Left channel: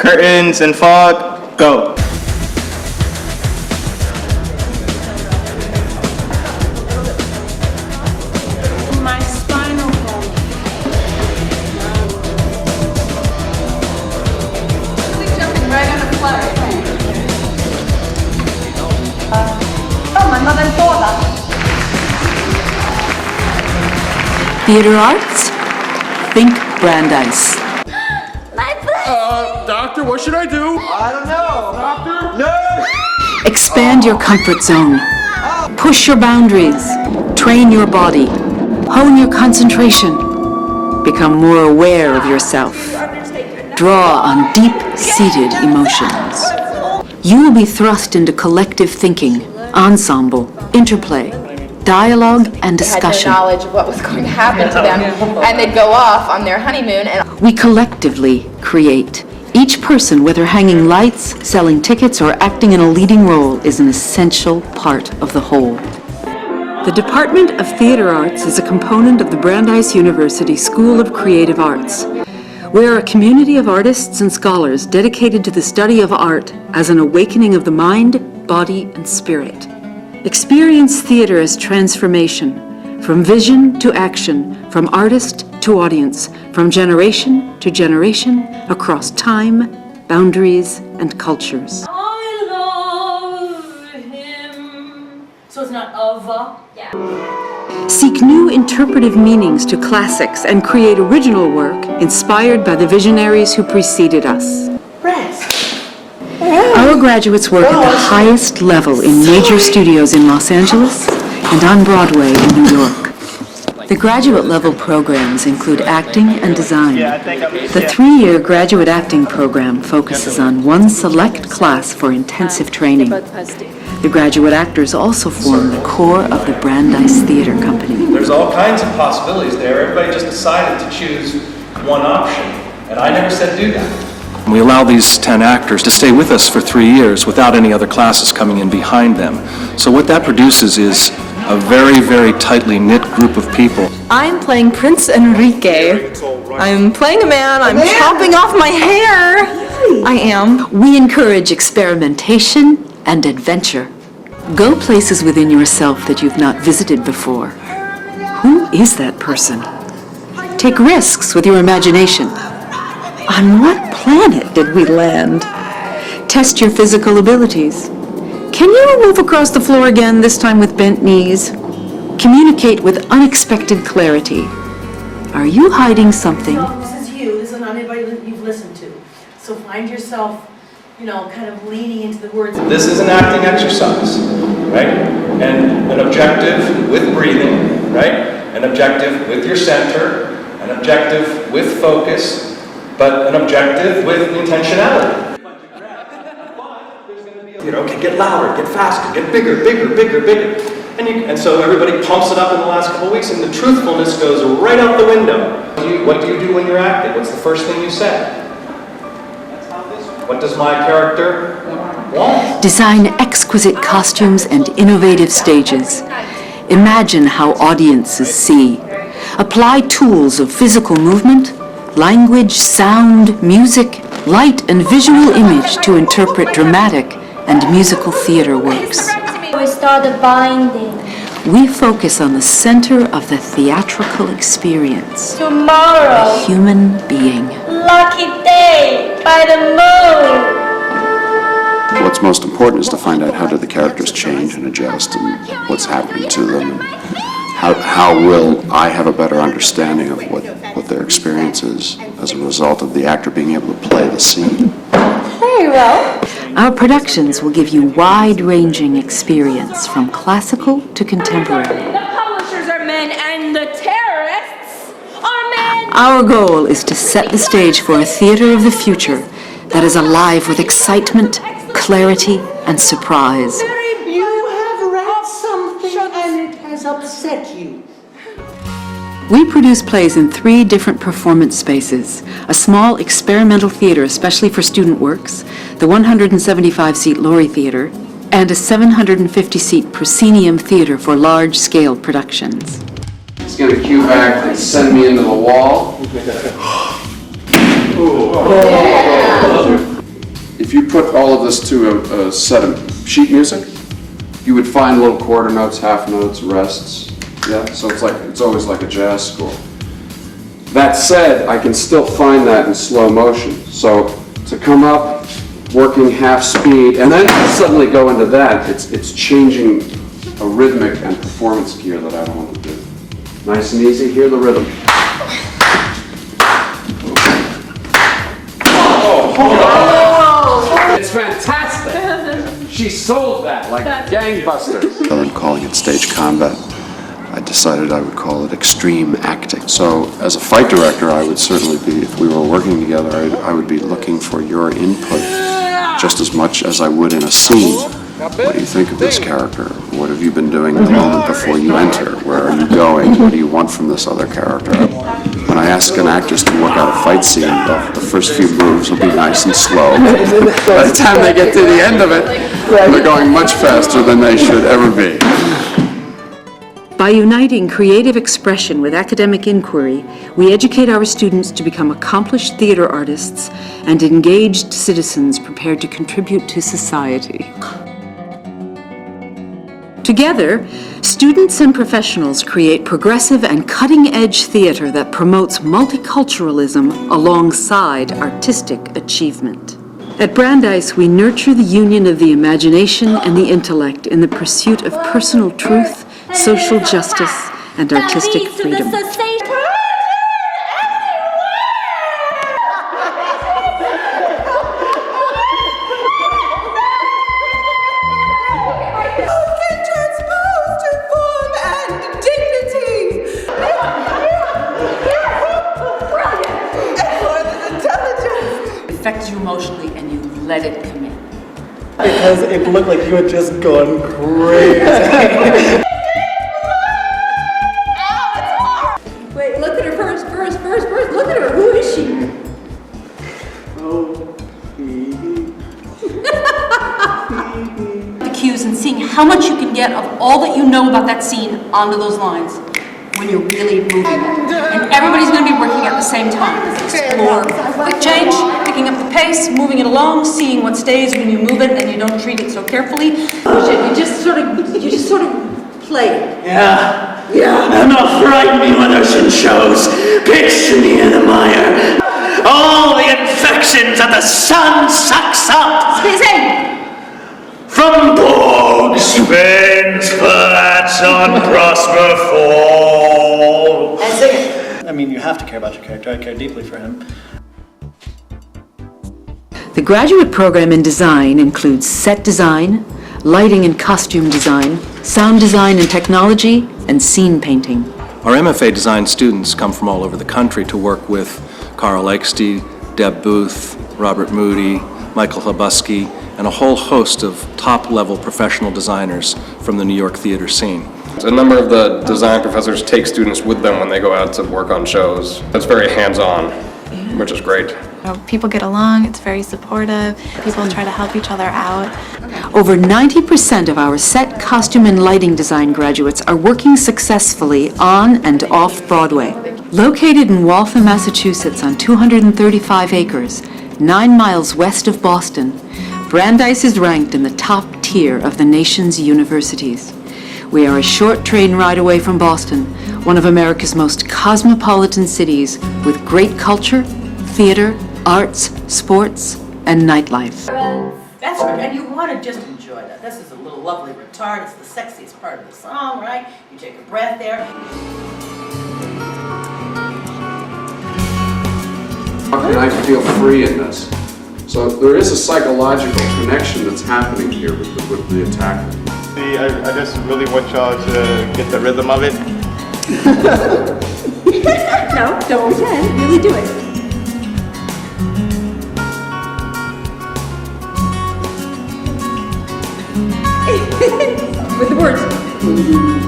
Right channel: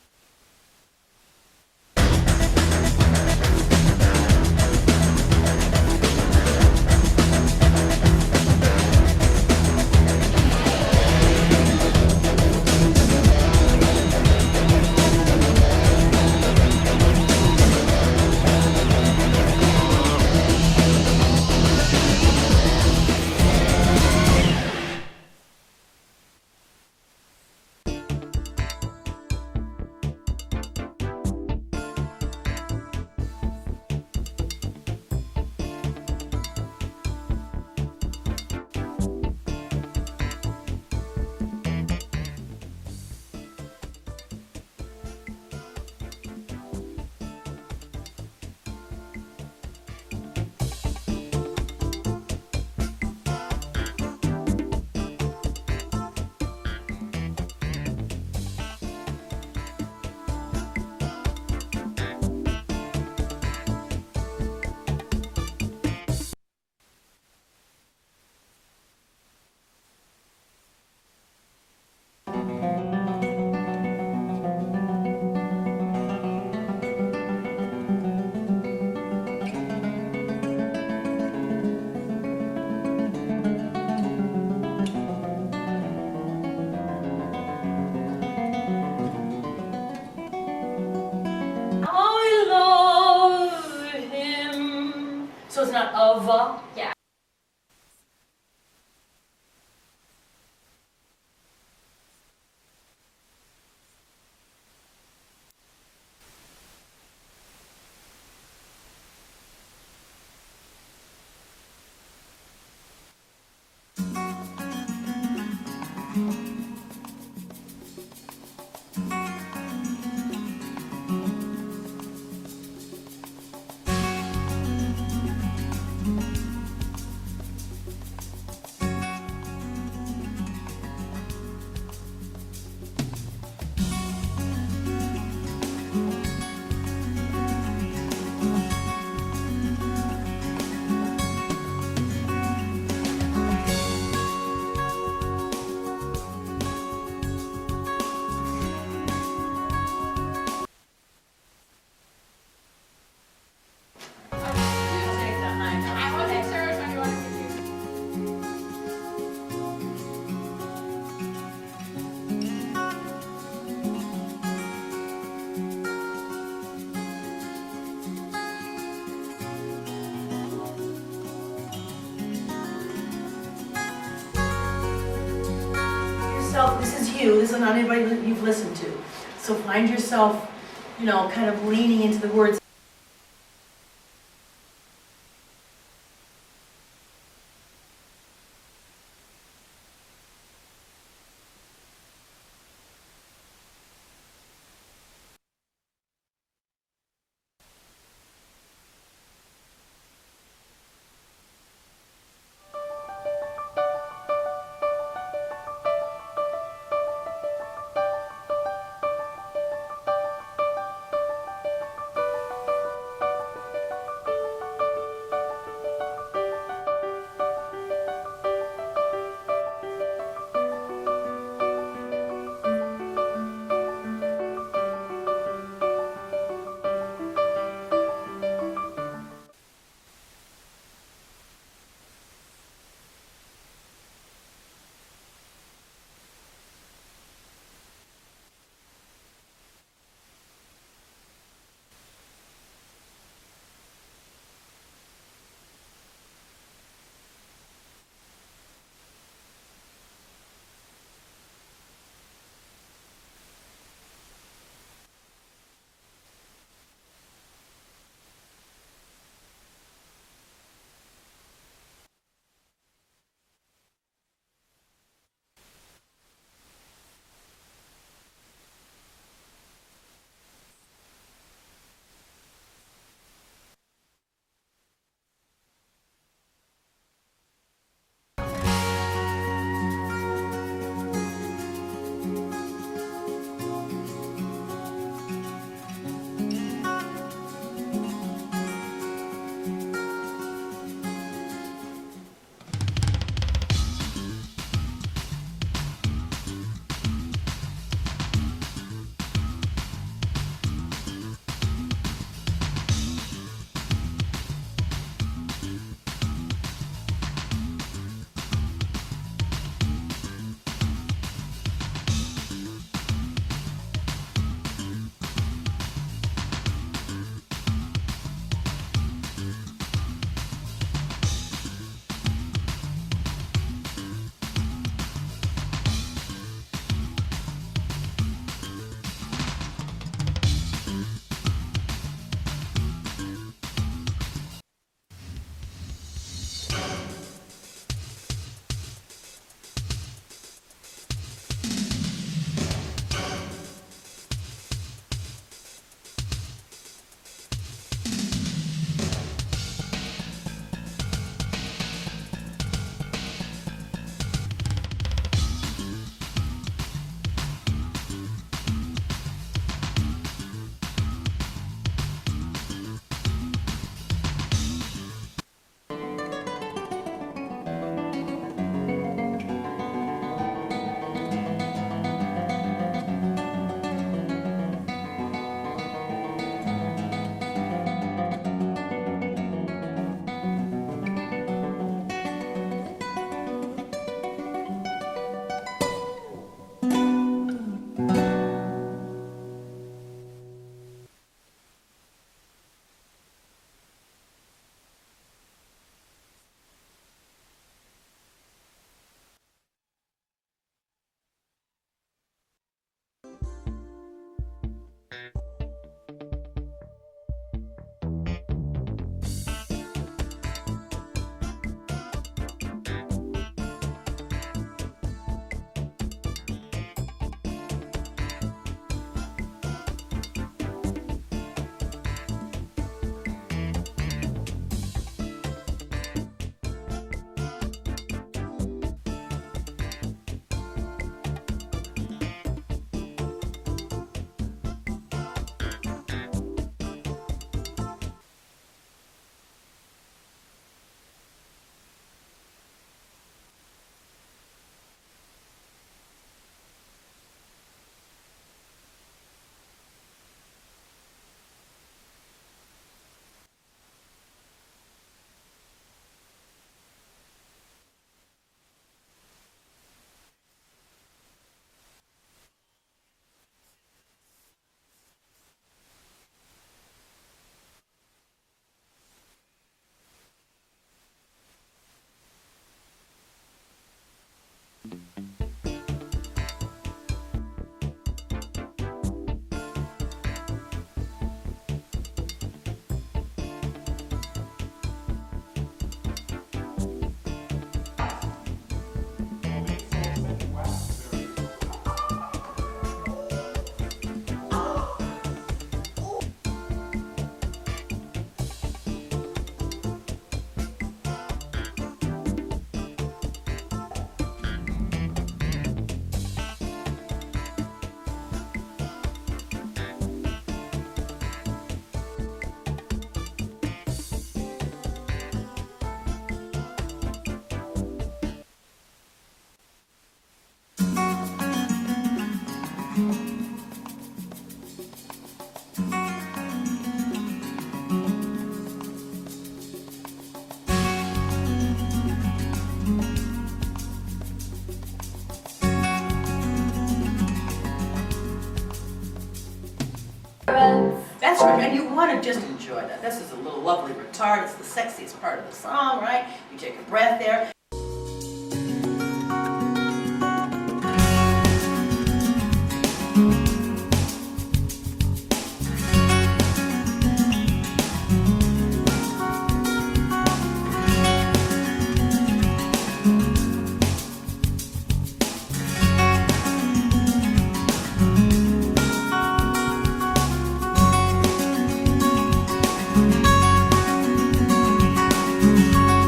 Curtains and fog, go. My spinal cord. Jumping right on a flutter. Theater arts? Think Brandeis. Doctor, what should I do? I don't know. Doctor? No! Expand your comfort zone. Push your boundaries. Train your body. Hone your concentration. Become more aware of yourself. Draw on deep-seated emotions. You will be thrust into collective thinking, ensemble, interplay, dialogue, and discussion. Had no knowledge of what was going to happen to them, and they'd go off on their honeymoon. And We collectively create. Each person, whether hanging lights, selling tickets, or acting in a leading role, is an essential part of the whole. The Department of Theater Arts is a component of the Brandeis University School of Creative Arts. We are a community of artists and scholars dedicated to the study of art as an awakening of the mind, body, and spirit. Experience theater as transformation, from vision to action, from artist to audience, from generation to generation, across time, boundaries, and cultures. I love him. So it's not of. Yeah. Seek new interpretive meanings to classics and create original work inspired by the visionaries who preceded us. Our graduates work at the highest level in major studios in Los Angeles and on Broadway in New York. The graduate level programs include acting and design. The 3-year graduate acting program focuses on one select class for intensive training. The graduate actors also form the core of the Brandeis Theater Company. There's all kinds of possibilities there. Everybody just decided to choose one option, and I never said do that. We allow these 10 actors to stay with us for 3 years without any other classes coming in behind them. So what that produces is a very, very tightly knit group of people. I'm playing Prince Enrique. I'm playing a man. I'm chopping off my hair. I am. We encourage experimentation and adventure. Go places within yourself that you've not visited before. Who is that person? Take risks with your imagination. On what planet did we land? Test your physical abilities. Can you move across the floor again, this time with bent knees? Communicate with unexpected clarity. Are you hiding something? This is you. This is not anybody that you've listened to. So find yourself, kind of leaning into the words. This is an acting exercise, right? And an objective with breathing, right? An objective with your center, an objective with focus, but an objective with intentionality. Get louder, get faster, get bigger, bigger, bigger, bigger. And so everybody pumps it up in the last couple of weeks, and the truthfulness goes right out the window. What do you do when you're acting? What's the first thing you say? What does my character want? Design exquisite costumes and innovative stages. Imagine how audiences see. Apply tools of physical movement, language, sound, music, light, and visual image to interpret dramatic and musical theater works. We started binding. We focus on the center of the theatrical experience. Tomorrow. A human being. Lucky day by the moon. What's most important is to find out how do the characters change and adjust and what's happening to them. And how will I have a better understanding of what their experience is as a result of the actor being able to play the scene. Very well. Our productions will give you wide-ranging experience from classical to contemporary. The publishers are men and the terrorists are men. Our goal is to set the stage for a theater of the future that is alive with excitement, clarity, and surprise. You have read something and it has upset you. We produce plays in 3 different performance spaces: a small experimental theater especially for student works, the 175-seat Laurie Theater, and a 750-seat proscenium theater for large-scale productions. He's going to cue back and send me into the wall. if you put all of this to a set of sheet music, you would find little quarter notes, half notes, rests. Yeah, so it's always like a jazz score. That said, I can still find that in slow motion. So to come up, working half speed, and then suddenly go into that, it's changing a rhythmic and performance gear that I don't want to do. Nice and easy, hear the rhythm. It's fantastic! She sold that like gangbusters. Rather than calling it stage combat, I decided I would call it extreme acting. So as a fight director, I would certainly be, if we were working together, I would be looking for your input just as much as I would in a scene. What do you think of this character? What have you been doing in the moment before you enter? Where are you going? What do you want from this other character? When I ask an actress to work out a fight scene, the first few moves will be nice and slow. By the time they get to the end of it, they're going much faster than they should ever be. By uniting creative expression with academic inquiry, we educate our students to become accomplished theater artists and engaged citizens prepared to contribute to society. Together, students and professionals create progressive and cutting-edge theater that promotes multiculturalism alongside artistic achievement. At Brandeis, we nurture the union of the imagination and the intellect in the pursuit of personal truth, social justice, and artistic freedom. Affects you emotionally and you let it come in. Because it looked like you had just gone crazy. Wait, look at her first. Look at her. Who is she? The cues and seeing how much you can get of all that you know about that scene onto those lines when you're really moving it. And everybody's going to be working at the same time. Explore quick change, picking up the pace, moving it along, seeing what stays when you move it and you don't treat it so carefully. You just sort of play it. Yeah. I'm not frightening when there's in shows. Picture me in the mire. All the infections that the sun sucks up. Sing! From bogs, veins, flats on prosper fall. And sing it. I mean, you have to care about your character. I care deeply for him. The graduate program in design includes set design, lighting and costume design, sound design and technology, and scene painting. Our MFA design students come from all over the country to work with Carl Eichste, Deb Booth, Robert Moody, Michael Hlabusky, and a whole host of top-level professional designers from the New York theater scene. A number of the design professors take students with them when they go out to work on shows. It's very hands-on, which is great. People get along, it's very supportive, people try to help each other out. Over 90% of our set, costume, and lighting design graduates are working successfully on and off Broadway. Located in Waltham, Massachusetts on 235 acres, 9 miles west of Boston, Brandeis is ranked in the top tier of the nation's universities. We are a short train ride away from Boston, one of America's most cosmopolitan cities with great culture, theater, arts, sports, and nightlife. That's right, and you want to just enjoy that. This is a little lovely retard. It's the sexiest part of the song, right? You take a breath there. How can I feel free in this? So there is a psychological connection that's happening here with the attacker. I just really want y'all to get the rhythm of it. No, don't pretend. Really do it. With the words.